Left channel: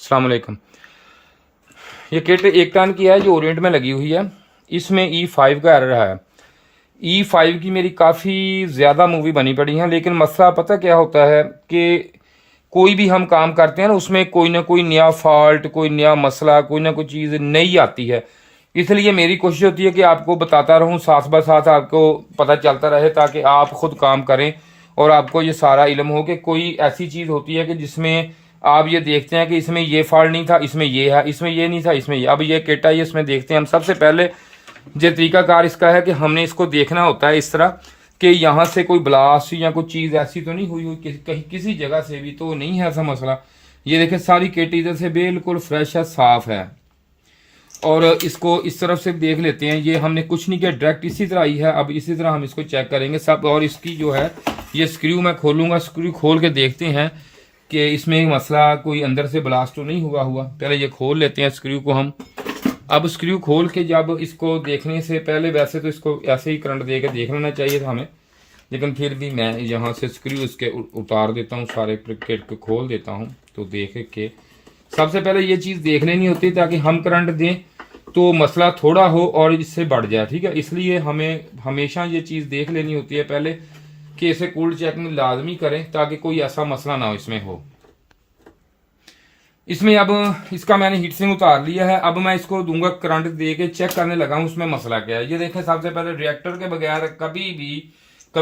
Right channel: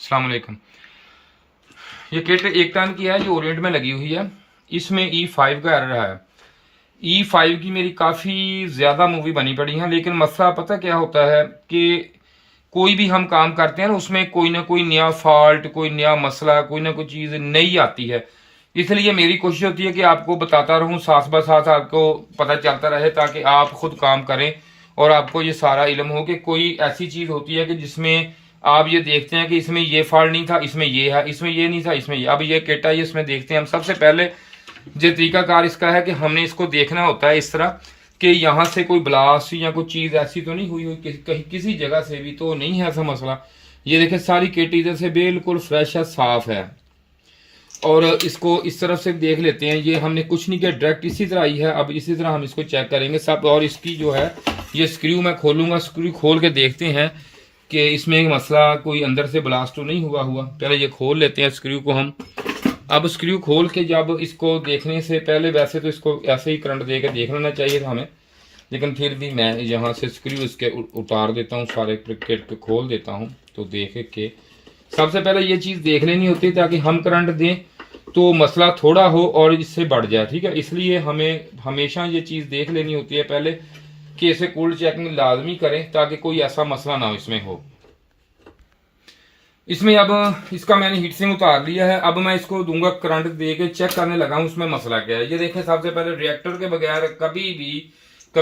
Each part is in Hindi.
अस्सलाम वालेकुम। ये किट 1 टन की है जो ओरिएंट में लगी हुई है। इसमें E5 का एरर है। E5 की मेरी काफ़ी ज़्यादा मूवी बनी पड़ी है, लेकिन मसला पता क्या होता है कि कोई भी हम काम करते हैं ना, उसमें कोई ना कोई नया फॉल्ट, कोई नया मसला, कोई ना कोई चीज़ नई आती है। इसलिए मेरी कोशिश होती है कि आपको बताता रहूं, साथ ब साथ आपको पता चलता रहे, ताकि आप खुद काम करें और आपको ये सारा इल्म हो कि कोई ऐसी चीज़ होती है कि जिसमें आप ये देखते हैं कि इसमें ये फॉल्ट नहीं था, इसमें ये है, इसमें ये नहीं था, इसमें ये। अब ये किट आई, इसमें देखते हैं हम। सबसे पहले जो तरीकाकार इसका है कि हमने इसको देखना होता है इस तरह कि यहाँ से कोई ब्लास्ट या कोई चीज़ ऐसी तो नहीं हुई कहीं किसी जगह से भी तो नहीं है ऐसा मसला। ये देखें, सारी किट इधर से बिल्कुल फ्रेश है, साफ है। और इसको इस तरफ से देख लेते हैं। ये हमने कुछ नहीं किया, डायरेक्ट इसी तरह आई है। अब इसी तरह हम इसको चेक करेंगे सब। और इसकी जो है ये स्क्रू मैं खोलूंगा, स्क्रू खोल के देखते हैं कि इसमें एक मसला कोई अंदर से ब्लास्ट तो नहीं हुआ। पहले ये खोल लेते हैं स्क्रू को हम। अब स्क्रू खोल के जब इसको देखने से पहले, वैसे तो इसको ऐसे ही करंट दे के देख लेना चाहिए था हमें, लेकिन फिर भी मैं यहाँ से स्क्रू इसके उतार देता हूँ, सारे किट को खोल देता हूँ। तो देख के सबसे पहले ये चीज़ देख लेनी होती है ताकि हम करंट दें तो मसला थोड़ा हो और इससे बढ़ जाए, ठीक है। इसलिए हमें हमेशा ये चीज़ देख लेनी होती है पहले कि इसे कूल्ड चेकिंग लाजमी करें ताकि कोई ऐसा मसला ना इसमें हो। इसमें अब इसका मैंने हीट सिंक उतार लिया है। अब मैं इसको दूंगा करंट दे के, चेक करने लगा हूं उसमें मसला क्या है। ये देखें, सबसे पहले रिएक्टर के बगैर कभी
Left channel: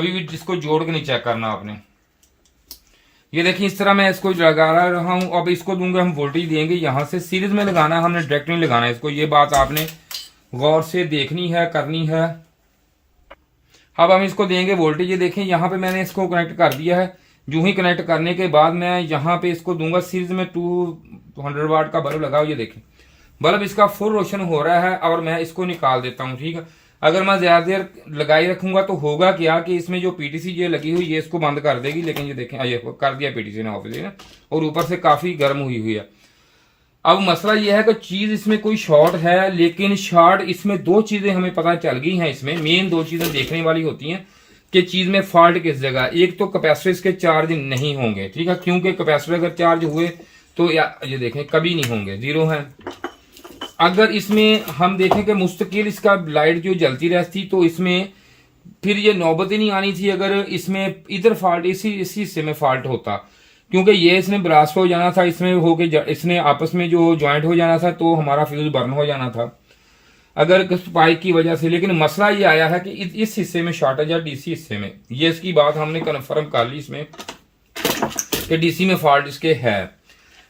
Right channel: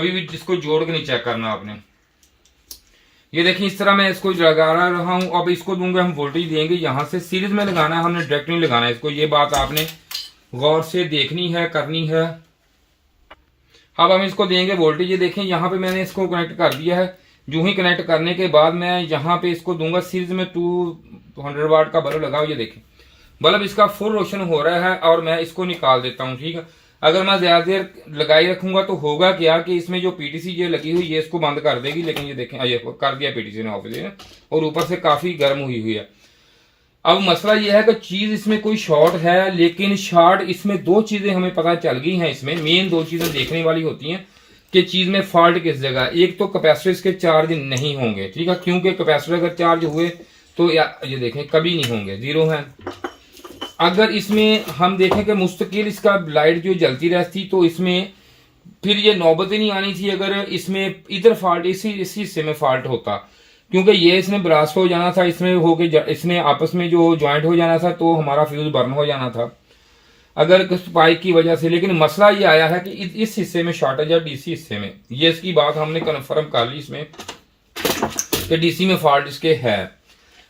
भी जिसको जोड़ के नहीं चेक करना आपने। ये देखिए, इस तरह मैं इसको लगा रहा हूं। अब इसको दूंगा हम वोल्टेज देंगे, यहां से सीरीज में लगाना है हमने, डायरेक्ट नहीं लगाना है इसको। ये बात आपने गौर से देखनी है, करनी है। अब हम इसको देंगे वोल्टेज। ये देखें, यहाँ पे मैंने इसको कनेक्ट कर दिया है। जो ही कनेक्ट करने के बाद मैं यहाँ पे इसको दूंगा सीरीज में 200 वाट का बल्ब लगाओ। ये देखें, बल्ब इसका फुल रोशन हो रहा है और मैं इसको निकाल देता हूँ, ठीक है। अगर मैं ज्यादा देर लगाई रखूंगा तो होगा क्या कि इसमें जो पीटीसी ये लगी हुई ये इसको बंद कर देगी। लेकिन ये देखें, ये कर दिया पीटीसी ने ऑफ, और ऊपर से काफी गर्म हुई है। अब मसला यह है कि चीज इसमें कोई शॉर्ट है, लेकिन शॉर्ट इसमें दो चीजें हमें पता चल गई हैं। इसमें मेन दो चीजें देखने वाली होती हैं कि चीज में फॉल्ट किस जगह। एक तो कैपेसिटर इसके चार्ज नहीं होंगे, ठीक है, क्योंकि कैपेसिटर अगर चार्ज हुए तो ये देखें कभी नहीं होंगे, जीरो है। अगर इसमें हम देखें कि मुस्तकिल इसका लाइट जो जलती रहती तो इसमें फिर ये नौबत ही नहीं आनी थी अगर इसमें इधर फॉल्ट इसी हिस्से में फॉल्ट होता, क्योंकि ये इसने ब्लास्ट हो जाना था, इसमें होके इसने आपस में जो ज्वाइंट हो जाना था तो हमारा फ्यूज बर्न हो जाना था अगर स्पाइक की वजह से। लेकिन मसला ये आया है कि इस हिस्से में शॉर्टेज है, डीसी हिस्से में। ये इसकी बात हमने कन्फर्म कर ली इसमें कि डीसी में फॉल्ट इसके है।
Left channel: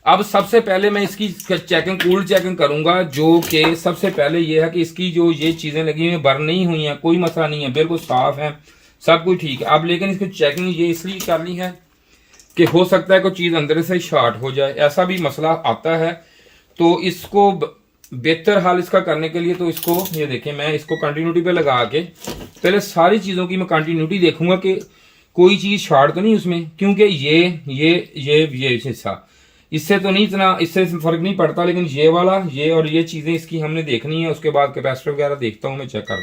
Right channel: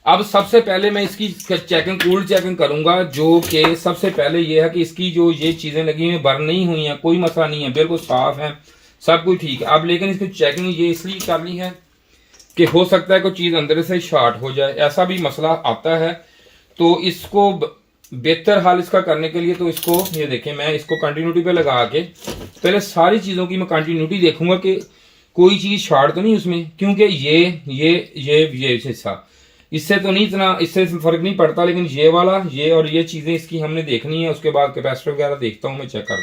अब सबसे पहले मैं इसकी चेकिंग, कूल्ड चेकिंग करूंगा, जो कि सबसे पहले ये है कि इसकी जो ये चीजें लगी हुई बर्न नहीं हुई हैं, कोई मसला नहीं है, बिल्कुल साफ है, सब कुछ ठीक है। अब लेकिन इसकी चेकिंग ये इसलिए करनी है कि हो सकता है कोई चीज अंदर से शॉर्ट हो जाए, ऐसा भी मसला आता है। तो इसको बेहतर हाल इसका करने के लिए तो इसको ये देखें, मैं इसको कंटिन्यूटी पे लगा के पहले सारी चीजों की मैं कंटिन्यूटी देखूंगा कि कोई चीज शॉर्ट तो नहीं उसमें, क्योंकि ये हिस्सा इससे तो नहीं, इतना इससे फर्क नहीं पड़ता, लेकिन ये वाला, ये और ये चीजें इसकी हमने देखनी है। उसके बाद कैपेसिटर वगैरह देखता हूं मैं, चेक कर।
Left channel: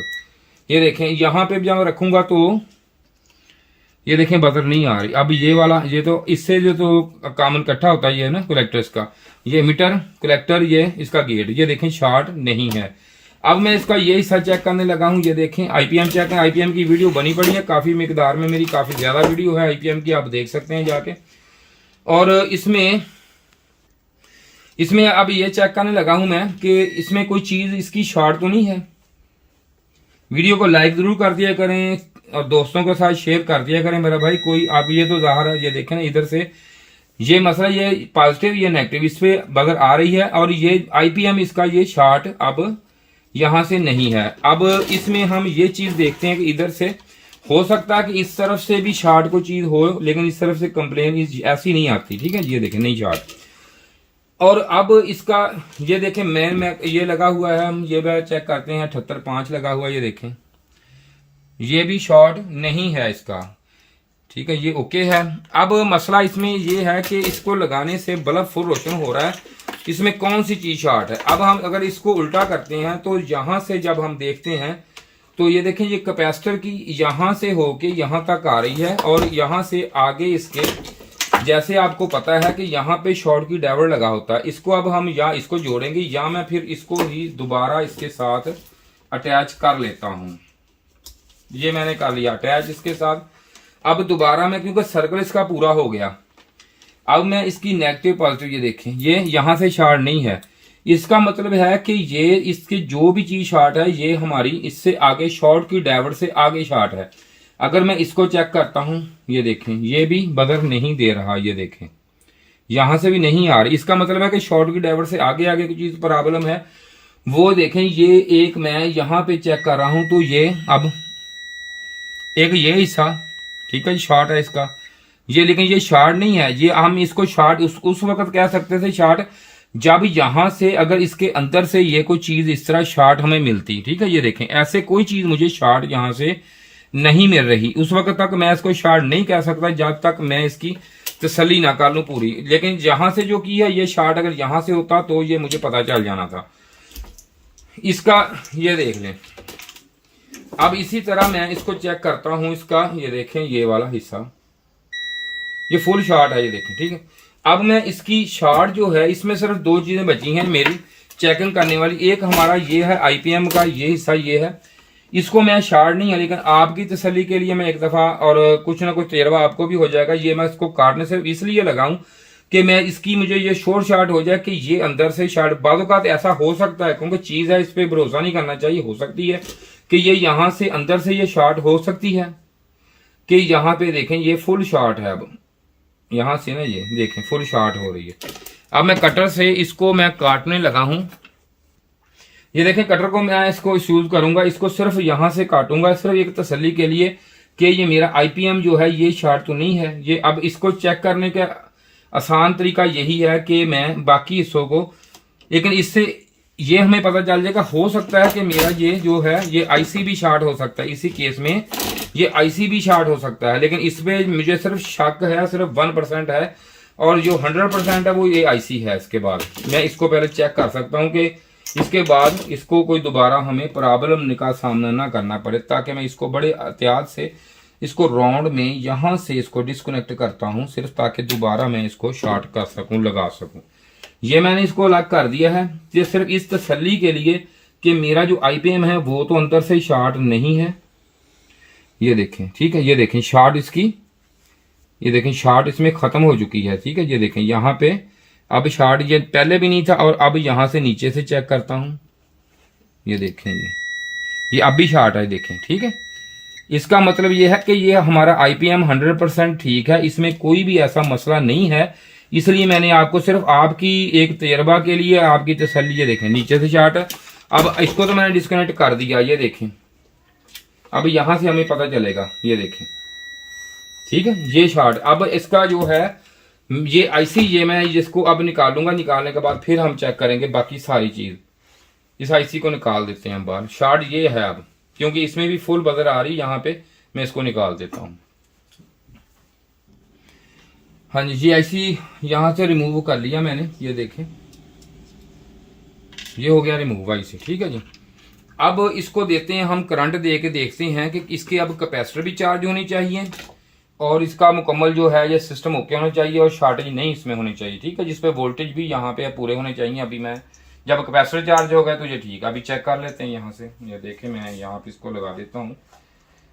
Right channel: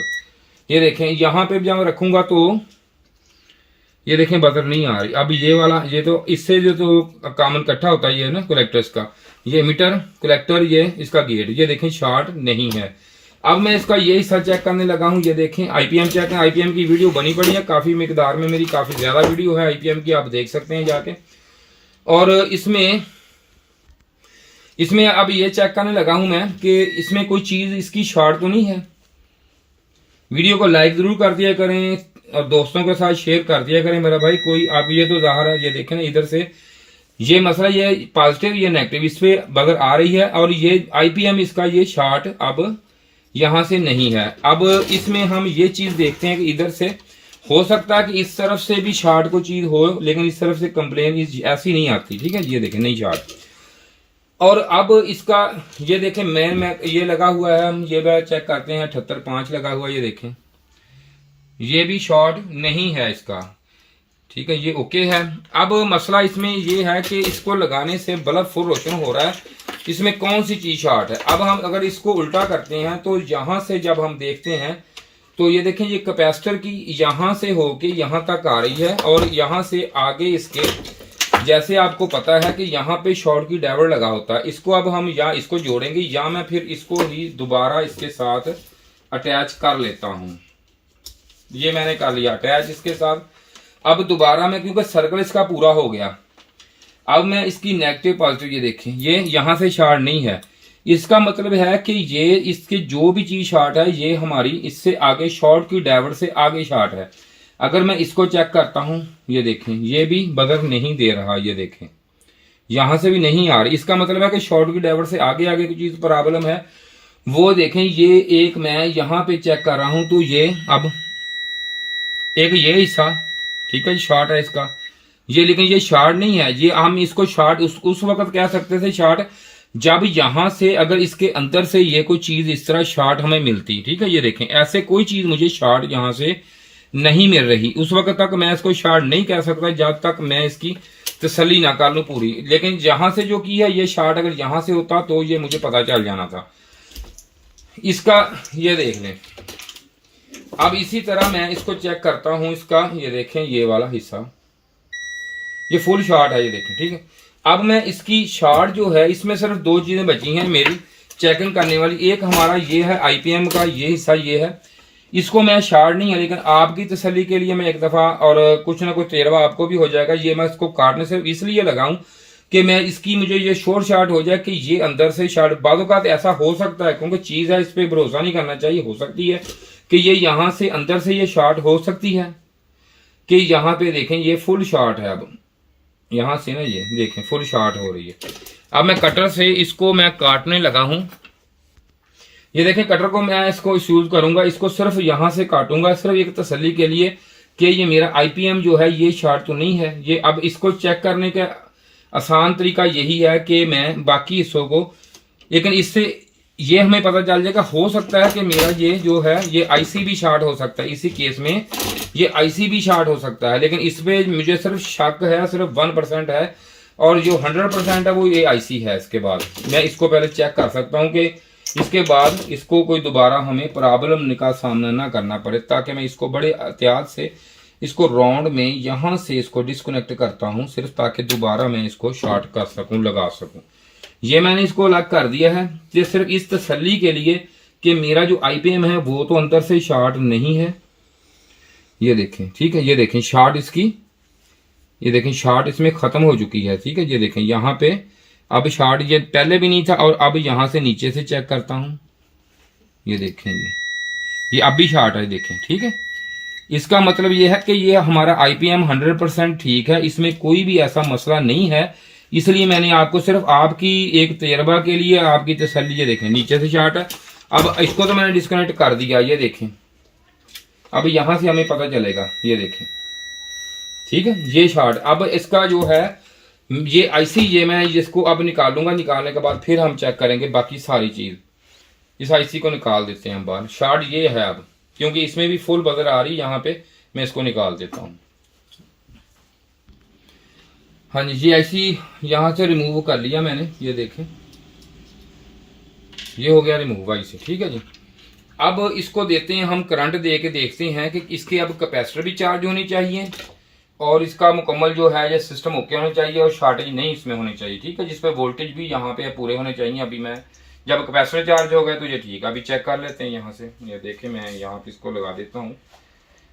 ये देखें, यहाँ पे जब रखूंगा तो ये देखें बजर नहीं आ रही। अब ये वाला, ये तो इससे जो तो कॉमन इकट्ठा होता है, ये ना कलेक्टर्स का, ये मीटर कलेक्टर, ये इसका गेट, ये देखें शॉर्ट नहीं है। अब मैं इसका ये हिस्सा चेक करने लगा हूं। ये देखें आईपीएम चेक है, आईपीएम की वीडियो बनी पड़ी है काफी मिकदार में, मेरी काफी ज्यादा वीडियो है आईपीएम की, आप देख सकते हैं जाके। और इसमें अब ये चेक करने लगा हूं मैं कि इसमें कोई चीज इसकी शॉर्ट तो नहीं है। वीडियो को लाइक जरूर कर दिया करें और दोस्तों के साथ शेयर कर दिया करें मेरा भाई। कोई आप ये तो जाहिर है, ये देखें ना इधर से ये मसला, ये पॉजिटिव ये नेगेटिव इस पे बगर आ रही है, और ये आईपीएम इसका ये शॉर्ट अब यहां से नहीं है। अब इसमें हम ये चीज देखते हैं कि इधर से हो सकता है कि इस तरफ से भी शॉर्ट को चीज हो, लेकिन इस तरफ से कंप्लेन ऐसी नहीं आती, ठीक है। ये देखें, नहीं शॉर्ट। और अब इसका ये देखें, मैं ये लगा हुआ है, हम ये चेक करते हैं, 78.5 लगा हुआ, ये देखें ये भी शॉर्ट नहीं है इसका, ठीक है, ये ओके है। अब मसला इसमें ये है कि इसको लगाने से बल्ब फुल रोशन हो रहा है, इसमें कौन सी चीज शॉर्ट है। अब हम अगर इसको उल्टा करते हैं तो यहां से जब हम देखते हैं तो ये देखें, ये कैपेसिटर की यहां से होके यहां तक आ रही है और यहां से आगे इसके जैसे आपको पता है कि यहाँ पे शॉर्ट की डायोड लगा होता है, इसको अब हम या इसको जोड़ेंगे या मैं फिर इसको ही दोबारा इसके साथ अटैच कर लेता हूं। ये मैंने कर लिया अटैच इसके साथ। अब दोबारा मैं, क्योंकि सर्कल इसका पूरा हो गया, अब मैं इसकी नेगेटिव पॉजिटिव, ये देखें ये यहां से शॉर्ट नहीं है, इसका मतलब है कि ये इसके जो भी चीज शॉर्ट है ये हमारी इससे आगे शॉर्ट की डायोड से आगे शॉर्ट है। अगर मैं इसको चेक करता हूं, ये देखें ये भी बदल नहीं दे रहा, ये देखें यहां से भी नहीं आ रही, इसका मतलब है कि शॉर्ट की डायोड से आगे आगे की चीज प्रॉब्लम है। वो देखें ये एक मैं यहां पे चेक कर रहा हूं तो ये अब एक ये हिस्सा ठीक है शॉर्ट है इसका, ये लेकिन ये शॉर्ट नहीं है, ये हम इसको शॉर्ट उस वक्त कह सकते थे शॉर्ट जब यहां से अगर इसके अंदर से ये कोई चीज इस तरह शॉर्ट हमें मिलती, ठीक है। ये देखें ऐसे कोई चीज मुझे शॉर्ट यहां से नहीं मिल रही, उस वक्त तक मैं इसको शॉर्ट नहीं कह सकता जब तक मैं इसकी तसल्ली ना कर लूं पूरी। लेकिन यहां से जो की है ये शॉर्ट अगर यहां से होता तो ये मुझे पता चल जाना था इसका। ये देख लें, अब इसी तरह मैं इसको चेक करता हूं इसका, ये देखें ये वाला हिस्सा ये फुल शॉर्ट है, ये देखें ठीक है। अब मैं इसकी शॉर्ट जो है इसमें सिर्फ दो चीजें बची हैं मेरी चेकिंग करने वाली, एक हमारा ये है आईपीएम का ये हिस्सा ये है, इसको मैं शॉर्ट नहीं है लेकिन आपकी तसल्ली के लिए मैं एक दफा और कुछ ना कुछ तेरवा आपको भी हो जाएगा, ये मैं इसको काटने सिर्फ इसलिए लगाऊं कि मैं इसकी मुझे ये शॉर्ट हो जाए कि ये अंदर से शॉर्ट, बाज़ औक़ात ऐसा हो सकता है क्योंकि चीज है इस पर भरोसा नहीं करना चाहिए, हो सकती है कि ये यहां से अंदर से ये शॉर्ट हो सकती है कि यहां पे देखें ये फुल शॉर्ट है, अब यहां से ना ये देखें फुल शॉर्ट हो रही है। अब मैं कटर से इसको मैं काटने लगा हूं, ये देखें कटर को मैं इसको यूज करूंगा, इसको सिर्फ यहां से काटूंगा सिर्फ एक तसल्ली के लिए कि ये मेरा आईपीएम जो है ये शॉर्ट तो नहीं है। ये अब इसको चेक करने का आसान तरीका यही है कि मैं बाकी हिस्सों को, लेकिन इससे ये हमें पता चल जाएगा, हो सकता है कि मेरा ये जो है ये आईसी भी शॉर्ट हो सकता है, इसी केस में ये आईसी भी शॉर्ट हो सकता है, लेकिन इसमें मुझे सिर्फ शक है, सिर्फ 1% है और जो 100% है वो ये आईसी है। इसके बाद मैं इसको पहले चेक कर सकता हूँ कि इसके बाद इसको कोई दोबारा हमें प्रॉब्लम का सामना ना करना पड़े, ताकि मैं इसको बड़े एहतियात से इसको राउंड में यहां से इसको डिस्कनेक्ट करता हूं सिर्फ ताकि दोबारा मैं इसको शॉर्ट कर सकूं, लगा सकूं। ये मैंने इसको अलग कर दिया है ये सिर्फ इस तसल्ली के लिए कि मेरा जो आईपीएम है वो तो अंदर से शॉर्ट नहीं है। ये देखें ठीक है, ये देखें शॉर्ट इसकी, ये देखें शॉर्ट इसमें खत्म हो चुकी है, ठीक है। ये देखें यहाँ पे अब शॉर्ट ये पहले भी नहीं था और अब यहां से नीचे से चेक करता हूं, ये देखें ये अब भी शॉर्ट है, देखें ठीक है। इसका मतलब ये है कि ये हमारा आईपीएम 100% ठीक है, इसमें कोई भी ऐसा मसला नहीं है। इसलिए मैंने आपको सिर्फ आपकी एक तजर्बा के लिए आपकी तसल्ली, ये देखें नीचे से शॉर्ट है। अब इसको तो मैंने डिस्कनेक्ट कर दिया, ये देखें अब यहां से हमें पता चलेगा, ये देखें ठीक है ये शॉर्ट। अब इसका जो है ये आईसी ये मैं जिसको अब निकालूंगा, निकालने के बाद फिर हम चेक करेंगे बाकी सारी चीज। इस आईसी को निकाल देते हैं हम बाहर, शॉर्ट ये है अब क्योंकि इसमें भी फुल बजर आ रही, यहाँ पे मैं इसको निकाल देता हूं। हाँ जी, ये आईसी यहां से रिमूव कर लिया मैंने, ये देखें ये हो गया रिमूव आईसी, ठीक है जी। अब इसको देते हैं हम करंट दे के, देखते हैं कि इसके अब कैपेसिटर भी चार्ज होनी चाहिए और इसका मुकम्मल जो है ये सिस्टम ओके होना चाहिए और शॉर्टेज नहीं इसमें होनी चाहिए, ठीक है। जिसपे वोल्टेज भी यहाँ पे पूरे होने चाहिए। अभी मैं जब कैपेसिटर चार्ज होगा तो ये ठीक है, अभी चेक कर लेते हैं यहाँ से। ये देखें मैं यहाँ पे इसको लगा देता हूँ,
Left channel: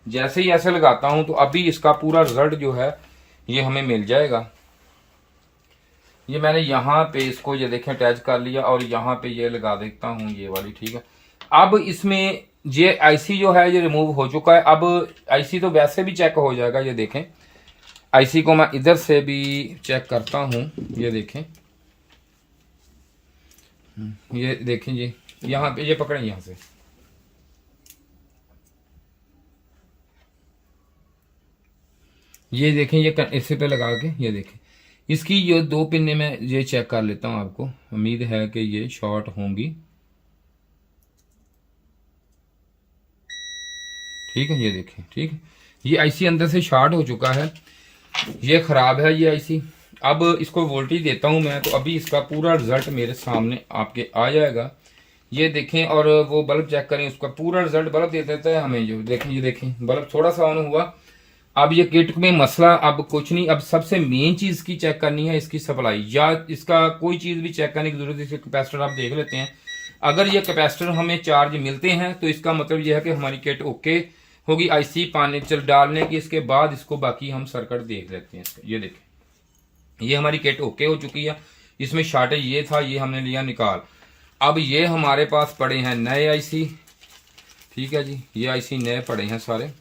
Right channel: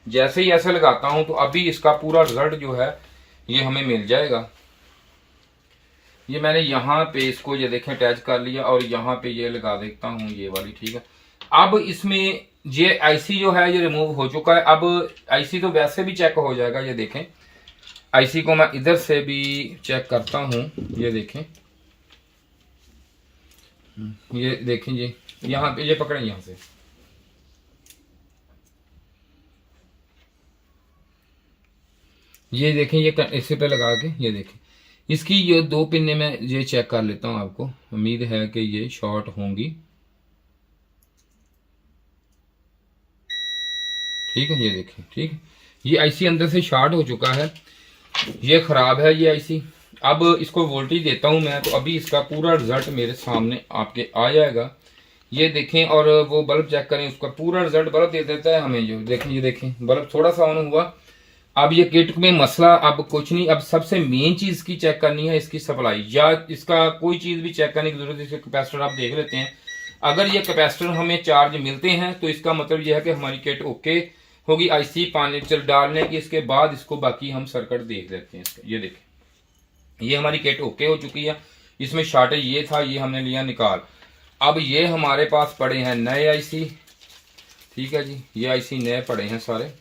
जैसे ही ऐसे लगाता हूँ तो अभी इसका पूरा रिजल्ट जो है ये हमें मिल जाएगा। ये मैंने यहाँ पे इसको ये देखें अटैच कर लिया और यहाँ पे ये लगा देता हूँ ये वाली, ठीक है। अब इसमें ये आईसी जो है ये रिमूव हो चुका है। अब आईसी तो वैसे भी चेक हो जाएगा, ये देखें आईसी को मैं इधर से भी चेक करता हूं, ये देखें ये देखें जी यहाँ पे ये पकड़ें यहां से, ये देखें ये इसी पे लगा के ये देखें इसकी ये दो पिने में ये चेक कर लेता हूं, आपको उम्मीद है कि ये शॉर्ट होंगी, ठीक है। ये देखें ठीक है, ये आईसी अंदर से शॉर्ट हो चुका है, ये खराब है ये आईसी। अब इसको वोल्टेज देता हूं मैं तो अभी इसका पूरा रिजल्ट मेरे सामने आपके आ जाएगा, ये देखें। और वो बल्ब चेक करें, उसका पूरा रिजल्ट बल्ब दे देता है हमें, जो देखें ये देखें बल्ब थोड़ा सा ऑन हुआ। अब ये किट में मसला अब कुछ नहीं, अब सबसे मेन चीज इसकी चेक करनी है इसकी सप्लाई, या इसका कोई चीज भी चेक करने की जरूरत है। इसके कैपेसिटर आप देख लेते हैं, अगर ये कैपेसिटर हमें चार्ज मिलते हैं तो इसका मतलब यह है कि हमारी किट ओके होगी। आईसी पानी चल डालने के इसके बाद इसको बाकी हम सर्किट देख लेते हैं इसका। ये देखें ये हमारी किट ओके हो चुकी है, इसमें शॉर्टेज ये था, ये हमने लिया निकाल। अब ये हमारे पास पड़े हैं नए आईसी, ठीक है जी, ये आईसी नए पड़े हैं सारे।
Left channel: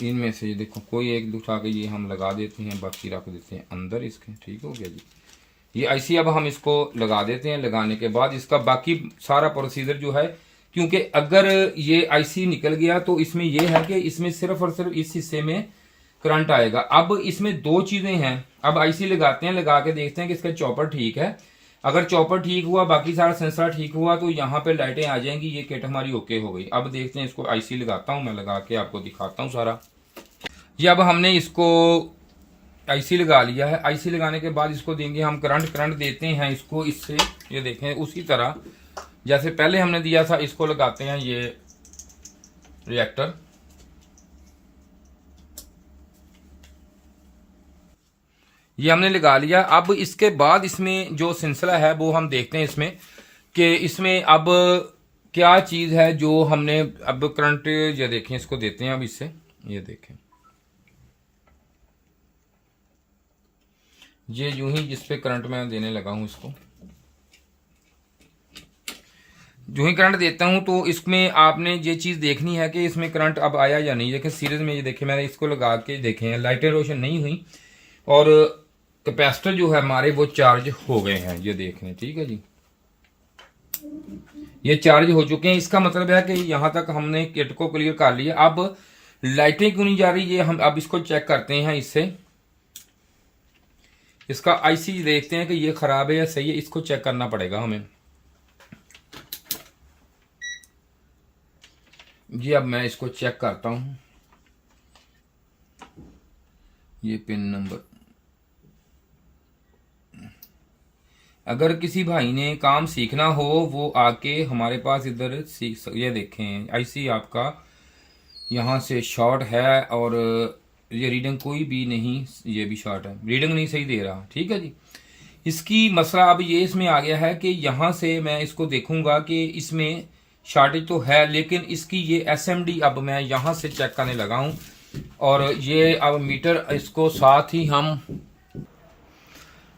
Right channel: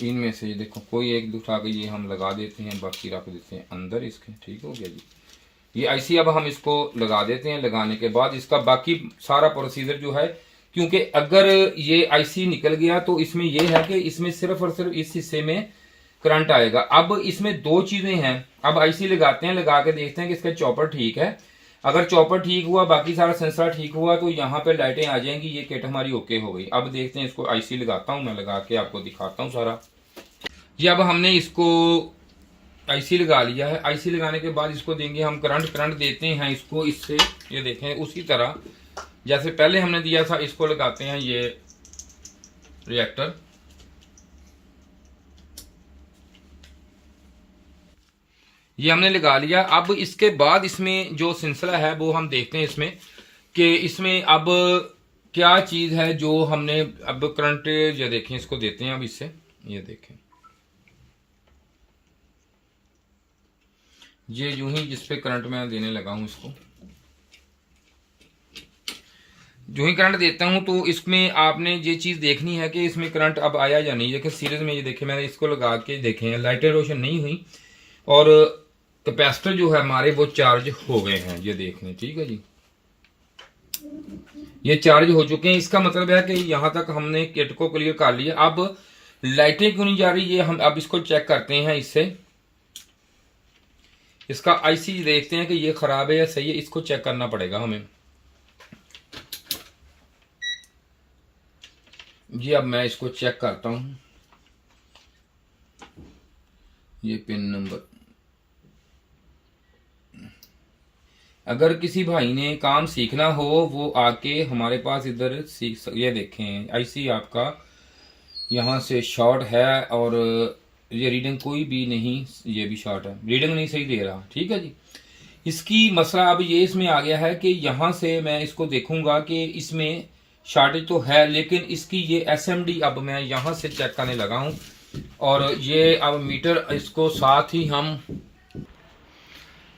इनमें से ये देखो कोई एक उठा के ये हम लगा देते हैं, बाकी रख देते हैं अंदर इसके, ठीक हो गया जी। ये आईसी अब हम इसको लगा देते हैं, लगाने के बाद इसका बाकी सारा प्रोसीजर जो है, क्योंकि अगर ये आईसी निकल गया तो इसमें यह है कि इसमें सिर्फ और सिर्फ इस हिस्से में करंट आएगा। अब इसमें दो चीजें हैं, अब आईसी लगाते हैं, लगा के देखते हैं कि इसका चॉपर ठीक है। अगर चॉपर ठीक हुआ, बाकी सारा सेंसर ठीक हुआ, तो यहाँ पे लाइटें आ जाएंगी, ये किट हमारी ओके हो गई। अब देखते हैं इसको, आईसी लगाता हूँ मैं, लगा के आपको दिखाता हूँ सारा। ये अब हमने इसको आईसी लगा लिया है। आईसी लगाने के बाद इसको देंगे हम करंट देते हैं इसको इससे, ये देखें उसी तरह जैसे पहले हमने दिया था, इसको लगाते हैं ये रिएक्टर। ये हमने लगा लिया। अब इसके बाद इसमें जो सिलसिला है वो हम देखते हैं इसमें, कि इसमें अब क्या चीज है जो हमने अब करंट, ये देखें इसको देते हैं अब इससे, ये देखें ये यूं ही जिस पे करंट मैं देने लगा हूं, इसको जो ही करंट देता हूं तो इसमें आपने ये चीज देखनी है कि इसमें करंट अब आया या नहीं। देखिए सीरीज में ये देखें मैंने इसको लगा के देखे, लाइटें रोशन नहीं हुई और कैपेसिटर जो है हमारे वो चार्ज हो गए हैं, ये देखें, ठीक है जी, ये चार्ज हो चुके हैं। इसका मतलब है कि यहां तक हमने किट को क्लियर कर लिया। अब लाइटें क्यों नहीं जा रही, ये हम अब इसको चेक करते हैं इससे। इसका आईसी देखते हैं कि ये खराब है या सही है, इसको चेक करना पड़ेगा हमें। जी अब मैं इसको चेक करता हूं, ये पिन नंबर। अगर किसी भाई ने काम सीखना हो वो आके हमारे पास इधर सीख, ये देखें आईसी आपका यहां से शॉर्ट है और ये रीडिंग कोई भी नहीं, ये भी शॉर्ट है, रीडिंग नहीं सही दे रहा, ठीक है जी। इसकी मसला अब ये इसमें आ गया है कि यहां से मैं इसको देखूंगा कि इसमें शॉर्टेज तो है, लेकिन इसकी ये एसएमडी अब मैं यहां से चेक करने लगा हूं। और ये अब मीटर इसको साथ ही हम,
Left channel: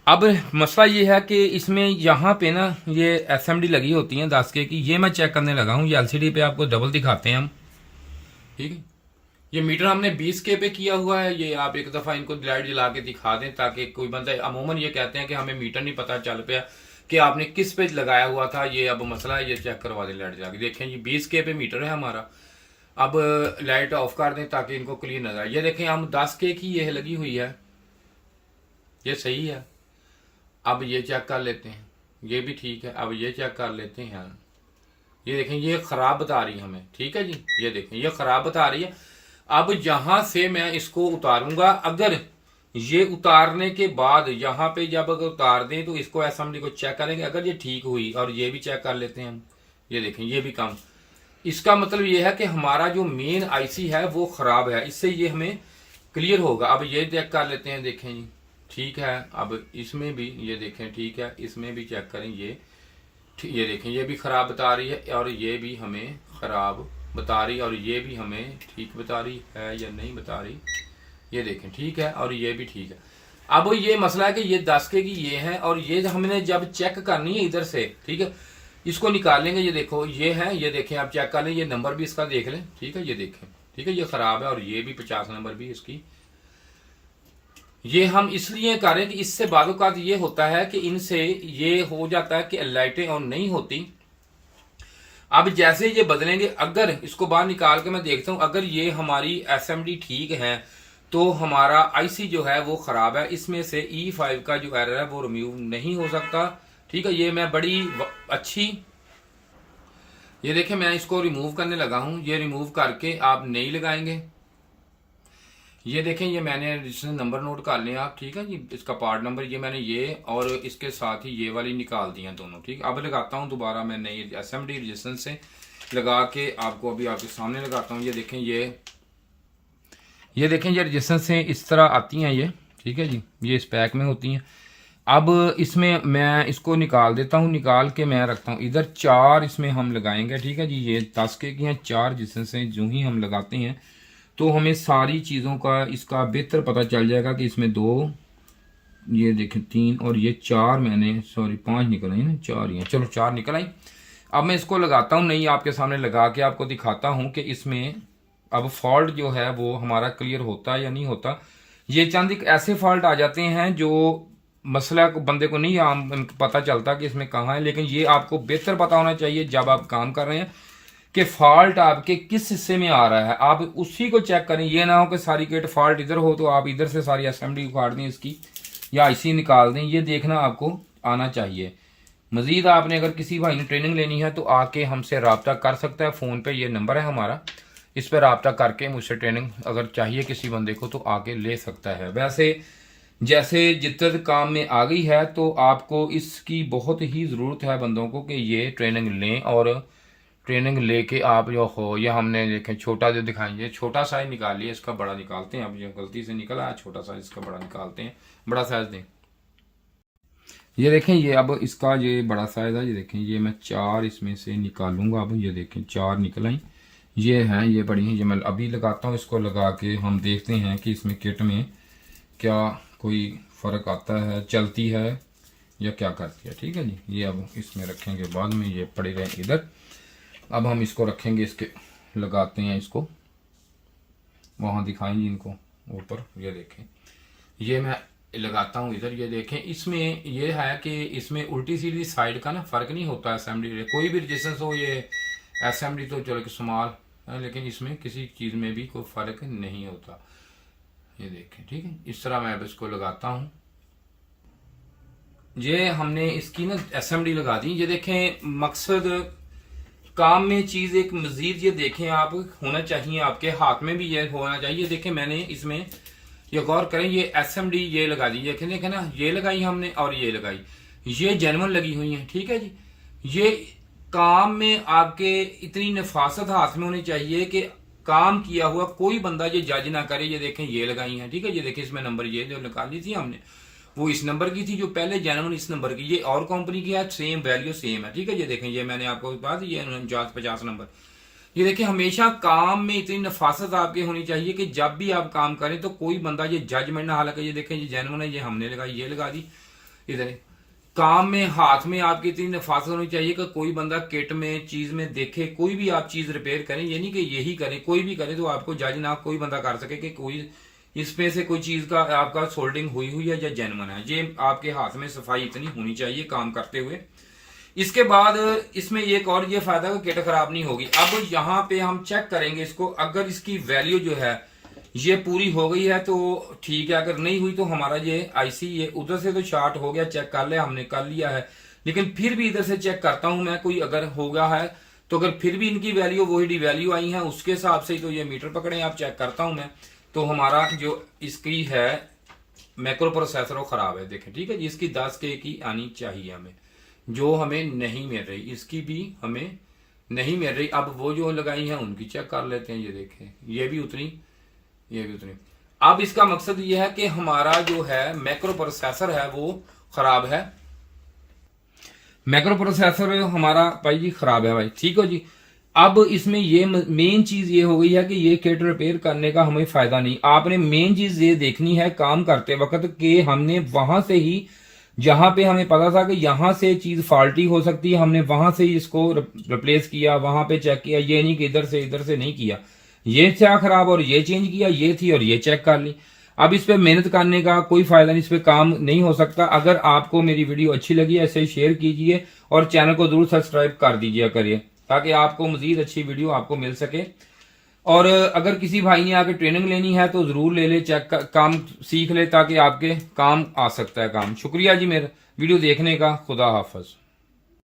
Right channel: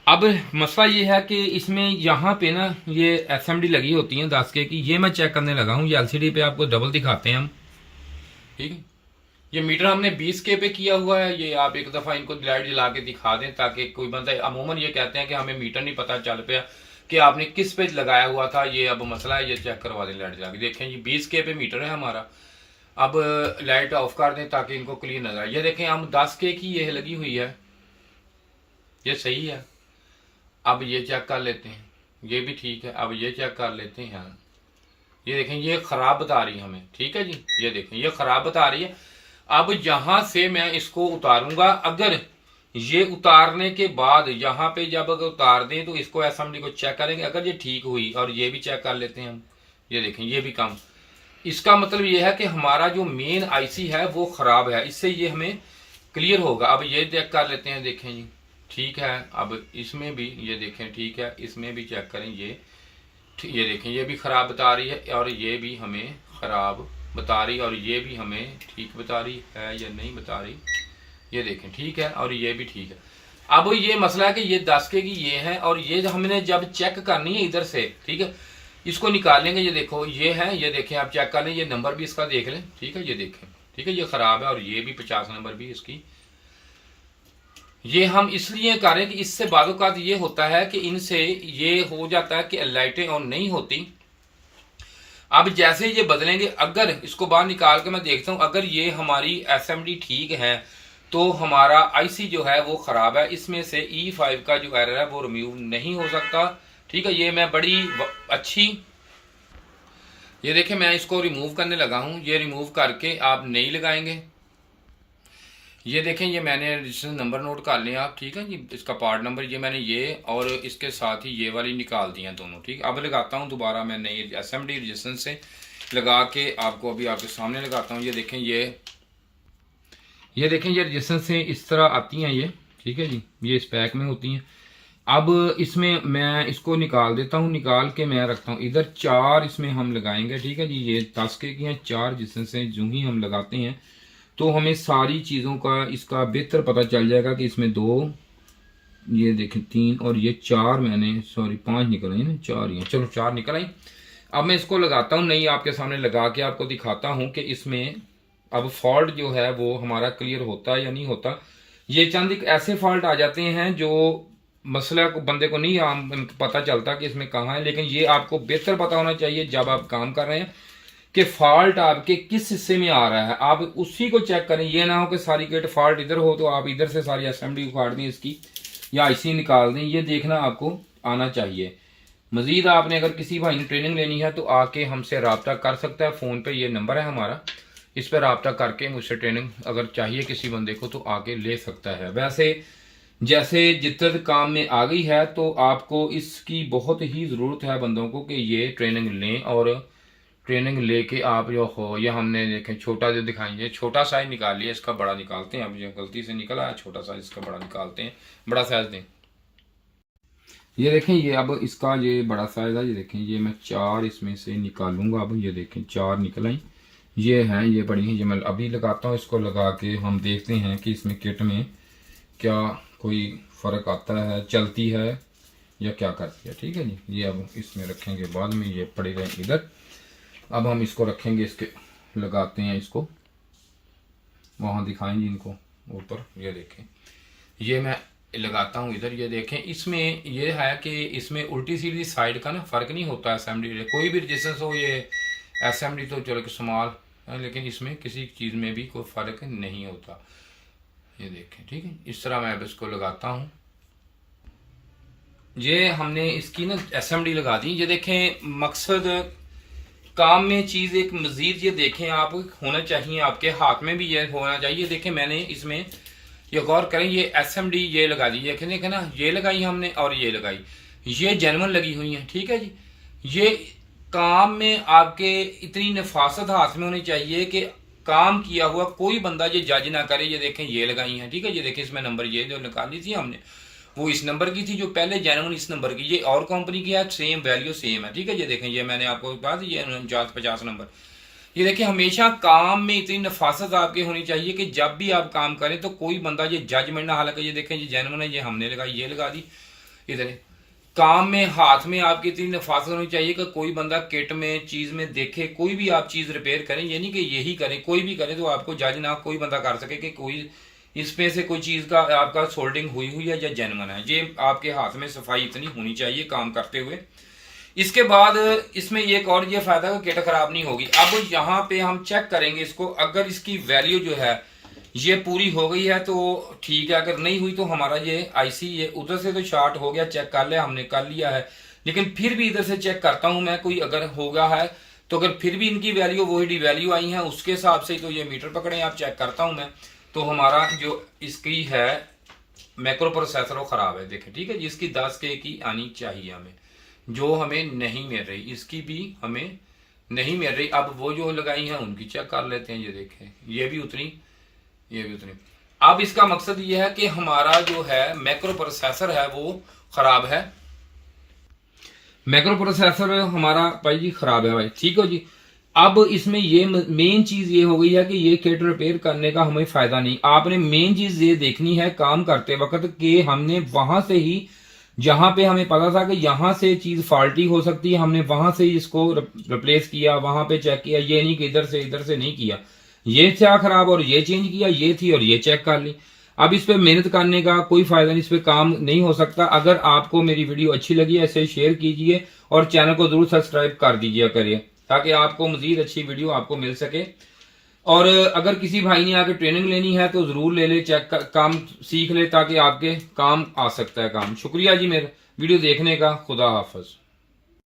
अब मसला ये है कि इसमें यहाँ पे ना ये एसएमडी लगी होती है 10 के की, ये मैं चेक करने लगा हूँ। ये एलसीडी पे आपको डबल दिखाते हैं हम, ठीक है। ये मीटर हमने 20 के पे किया हुआ है। ये आप एक दफा इनको लाइट जला के दिखा दें ताकि कोई बंदा, अमूमन ये कहते हैं कि हमें मीटर नहीं पता चल पाया कि आपने किस पे लगाया हुआ था। ये अब मसला है, ये चेक करवा दें लाइट जला के। देखें ये 20 के पे मीटर है हमारा। अब लाइट ऑफ कर दें ताकि इनको क्लीन नजर आए। ये देखें हम 10 के की ये लगी हुई है, ये सही है। अब ये चेक कर लेते हैं, ये भी ठीक है। अब ये चेक कर लेते हैं, ये देखें ये खराब बता रही है हमें, ठीक है जी। ये देखें ये खराब बता रही है। अब यहां से मैं इसको उतारूंगा, अगर ये उतारने के बाद यहां पे जब अगर उतार दें तो इसको एसएमडी को चेक करेंगे, अगर ये ठीक हुई, और ये भी चेक कर लेते हैं हम। ये देखें ये भी कम, इसका मतलब ये है कि हमारा जो मेन आईसी है वो खराब है, इससे ये हमें क्लियर होगा। अब ये चेक कर लेते हैं, देखें जी ठीक है। अब इसमें भी ये देखें ठीक है, इसमें भी चेक करें, ये देखें ये भी खराब बता रही है और ये भी हमें खराब बता रही, और ये भी हमें ठीक बता रही है या नहीं बता रही। ये देखें ठीक है और ये भी ठीक है। अब ये मसला है कि ये 10 के की ये है, और ये हमने जब चेक करनी है इधर से, ठीक है, इसको निकालेंगे। ये देखो ये है, ये देखें आप चेक कर लें, ये नंबर भी इसका देख लें, ठीक है। ये देखें ठीक है, ये खराब है और ये भी 50 नंबर भी इसकी। ये हम इसलिए करें कि इससे बाज़ ये होता है कि इनसे ये हो जाता है कि लाइटें ऑन नहीं होती। अब जैसे ये बदलेंगे, अगर इसको बाहर निकाल के मैं देखता हूं, अगर ये हमारी एसएमडी ठीक है तो हमारा आईसी जो है वो खराब है। इसमें से E5 का जो एरर है वो रिमूव नहीं हो सकता, ठीक है। ये मैं बड़ी अच्छी, ये देखें मैं इसको रिमूव करने लगा हूं। ये रिमूव करके आप नहीं लगाएंगे। ये देखें ये मैंने रजिस्ट्रेशन नंबर नोट कर लिया आप, ठीक है जी। इसका पार्ट नंबर ये मैंने ये और इसके साथ ही ये वाली निकाल दी हैं दोनों, ठीक। अब लगाता हूँ दोबारा मैं नई एसएमडी रजिस्ट्रेशन से लगा के आपको अभी आपके सामने लगाता हूँ। ये देखें ये देखें ये रेजिस्टेंस से इस तरह आती हैं ये, ठीक है जी, ये इस पैक में होती हैं। अब इसमें मैं इसको निकाल देता हूँ, निकाल के मैं रखता हूँ इधर। 4 इसमें हम लगाएंगे, ठीक है जी। ये 10 के की हैं 4 रेजिस्टेंस हैं, जो ही हम लगाते हैं तो हमें सारी चीज़ों का इसका बेहतर पता चल जाएगा कि इसमें 2, ये देखें 3 और ये 4, मैंने सॉरी 5 निकल आई ना, 4 ही हैं, चलो 4 निकल आई। अब मैं इसको लगाता हूँ, नहीं आपके सामने लगा के आपको दिखाता हूँ कि इसमें अब फॉल्ट जो है वो हमारा क्लियर होता है या नहीं होता। ये चंद एक ऐसे फॉल्ट आ जाते हैं जो मसला को बंदे को नहीं आम पता चलता कि इसमें कहाँ है, लेकिन ये आपको बेहतर पता होना चाहिए जब आप काम कर रहे हैं कि फॉल्ट आपके किस हिस्से में आ रहा है, आप उसी को चेक करें। ये ना हो कि सारी किट फॉल्ट इधर हो तो आप इधर से सारी असेंबली उखाड़ दें इसकी या आईसी निकाल दें, ये देखना आपको आना चाहिए। मजीद आपने अगर किसी भाई ने ट्रेनिंग लेनी है तो आके हमसे रब्ता कर सकता है, फ़ोन पे ये नंबर है हमारा, इस पर रब्ता करके मुझसे ट्रेनिंग अगर चाहिए किसी बंदे को तो आके ले सकता है। वैसे जैसे जिद्दत काम में आ गई है तो आपको इसकी बहुत ही ज़रूरत है बंदों को कि ये ट्रेनिंग लें, और ट्रेनिंग लेके आप जो हो, ये हमने देखें छोटा जो दिखाएंगे, छोटा साइज निकाल लिया, इसका बड़ा निकालते हैं। अब ये गलती से निकला है छोटा साइज, इसका बड़ा निकालते हैं, बड़ा साइज दें। ये देखें ये अब इसका ये बड़ा साइज है, ये देखें ये मैं 4 इसमें से निकालूंगा। अब ये देखें 4 निकल आई, ये हैं, ये बड़ी हैं, ये मैं अभी लगाता हूँ। इसको लगा के हम देखते हैं कि इसमें किट में क्या कोई फ़र्क आता है, चलती है या क्या करती है, ठीक है जी। ये अब इसमें रखेंगे बाद में, ये पड़े रहे इधर। अब हम इसको रखेंगे, इसके लगाते हैं, इसको वहाँ दिखाएंगे इनको ऊपर। ये देखें ये मैं लगाता हूँ इधर, ये देखें इसमें ये है कि इसमें उल्टी सीधी साइड का ना फ़र्क नहीं होता असेंबली, कोई भी रेजिस्टेंस हो, ये असेंबली तो चलो कि स्मॉल है, लेकिन इसमें किसी चीज़ में भी कोई फ़र्क नहीं होता। ये देखें, ठीक है, इस तरह मैं अब इसको लगाता हूँ। ये हमने इसकी ना असेंबली लगा दी। ये देखें मकसद काम में चीज़ एक मज़ीद, ये देखें आप होना चाहिए, आपके हाथ में भी ये होना चाहिए। देखें मैंने इसमें ये गौर करें, ये एसएमडी ये लगा दी, ये देखें ना, ये लगाई हमने और ये लगाई, ये जेन्युइन लगी हुई है, ठीक है जी। ये काम में आपके इतनी नफासत हाथ में होनी चाहिए कि काम किया हुआ कोई बंदा ये जज ना करे। ये देखें ये लगाई है, ठीक है, ये देखें इसमें नंबर ये जो निकाली थी हमने वो इस नंबर की थी, जो पहले जेन्युइन इस नंबर की, ये और कंपनी की है, सेम वैल्यू सेम है, ठीक है। ये देखें ये मैंने आपको बात, ये 49-50 नंबर। ये देखिए हमेशा काम में इतनी नफासत आपकी होनी चाहिए कि जब भी आप काम करें तो कोई बंदा ये जजमेंट ना, हालांकि ये देखें ये जेन्युइन है, ये हमने लगाई, ये लगा दी। इधर काम में हाथ में आपकी इतनी नफासत होनी चाहिए कि कोई बंदा किट में चीज में देखे, कोई भी आप चीज रिपेयर करें, ये नहीं कि यही करें, कोई भी करे तो आपको जज ना कोई बंदा कर सके कि कोई इसमें से कोई चीज का आपका सोल्डिंग हुई हुई है या जेन्युइन है। ये आपके हाथ में सफाई इतनी होनी चाहिए काम करते हुए। इसके बाद इसमें एक और ये फायदा है कि किट खराब नहीं होगी। अब यहाँ पे हम चेक करेंगे इसको, अगर इसकी वैल्यू जो है ये पूरी हो गई है तो ठीक है, अगर नहीं हुई तो हमारा ये आईसी ये उधर से तो शॉर्ट हो गया, चेक कर लिया हमने, कर लिया है, लेकिन फिर भी इधर से चेक करता हूं मैं, कोई अगर हो गया है तो अगर फिर भी इनकी वैल्यू वही डी वैल्यू आई है उसके हिसाब से तो ये मीटर पकड़े आप, चेक करता हूं मैं, तो हमारा जो इसकी है मैक्रो प्रोसेसर वो खराब है। देखें ठीक है जी, इसकी 10 के की आनी चाहिए हमें, जो हमें नहीं मिल रही, इसकी भी हमें नहीं मिल रही। अब वो जो लगाई हैं उनकी चेक कर लेते हैं। ये देखें ये भी उतनी, ये भी उतनी। अब इसका मकसद ये है कि हमारा जो है मैक्रो प्रोसेसर है वो खराब है, मैक्रो प्रोसेसर हमारा भाई जी खराब है भाई, ठीक हो जी। अब इसमें ये मेन चीज ये हो गई है कि ये किट रिपेयर करने का हमें फायदा नहीं, आपने मेन चीज ये देखनी है काम करते वक्त कि हमने वहां से ही, जहां पे हमें पता था कि यहां से चीज फॉल्टी हो सकती है, हमने वहां से इसको रिप्लेस किया, वहां पे चेक किया, ये नहीं कि इधर से नहीं किया, ये था खराब और ये चेंज किया, ये थी और ये चेक कर ली। अब इस पे मेहनत करने का कोई फायदा नहीं, इस पे काम नहीं हो सकता। अगर आपको मेरी वीडियो अच्छी लगी है ऐसे शेयर कीजिए और चैनल को जरूर सब्सक्राइब कर दीजिए करिए, ताकि आपको मजीद अच्छी वीडियो आपको मिल सके। और अगर किसी भाई ने आके ट्रेनिंग लेनी है तो जरूर ले ले, चेक काम सीख ले ताकि आपके काम आ सकता है काम। शुक्रिया जी मेरे वीडियो देखने का, खुदा हाफिज।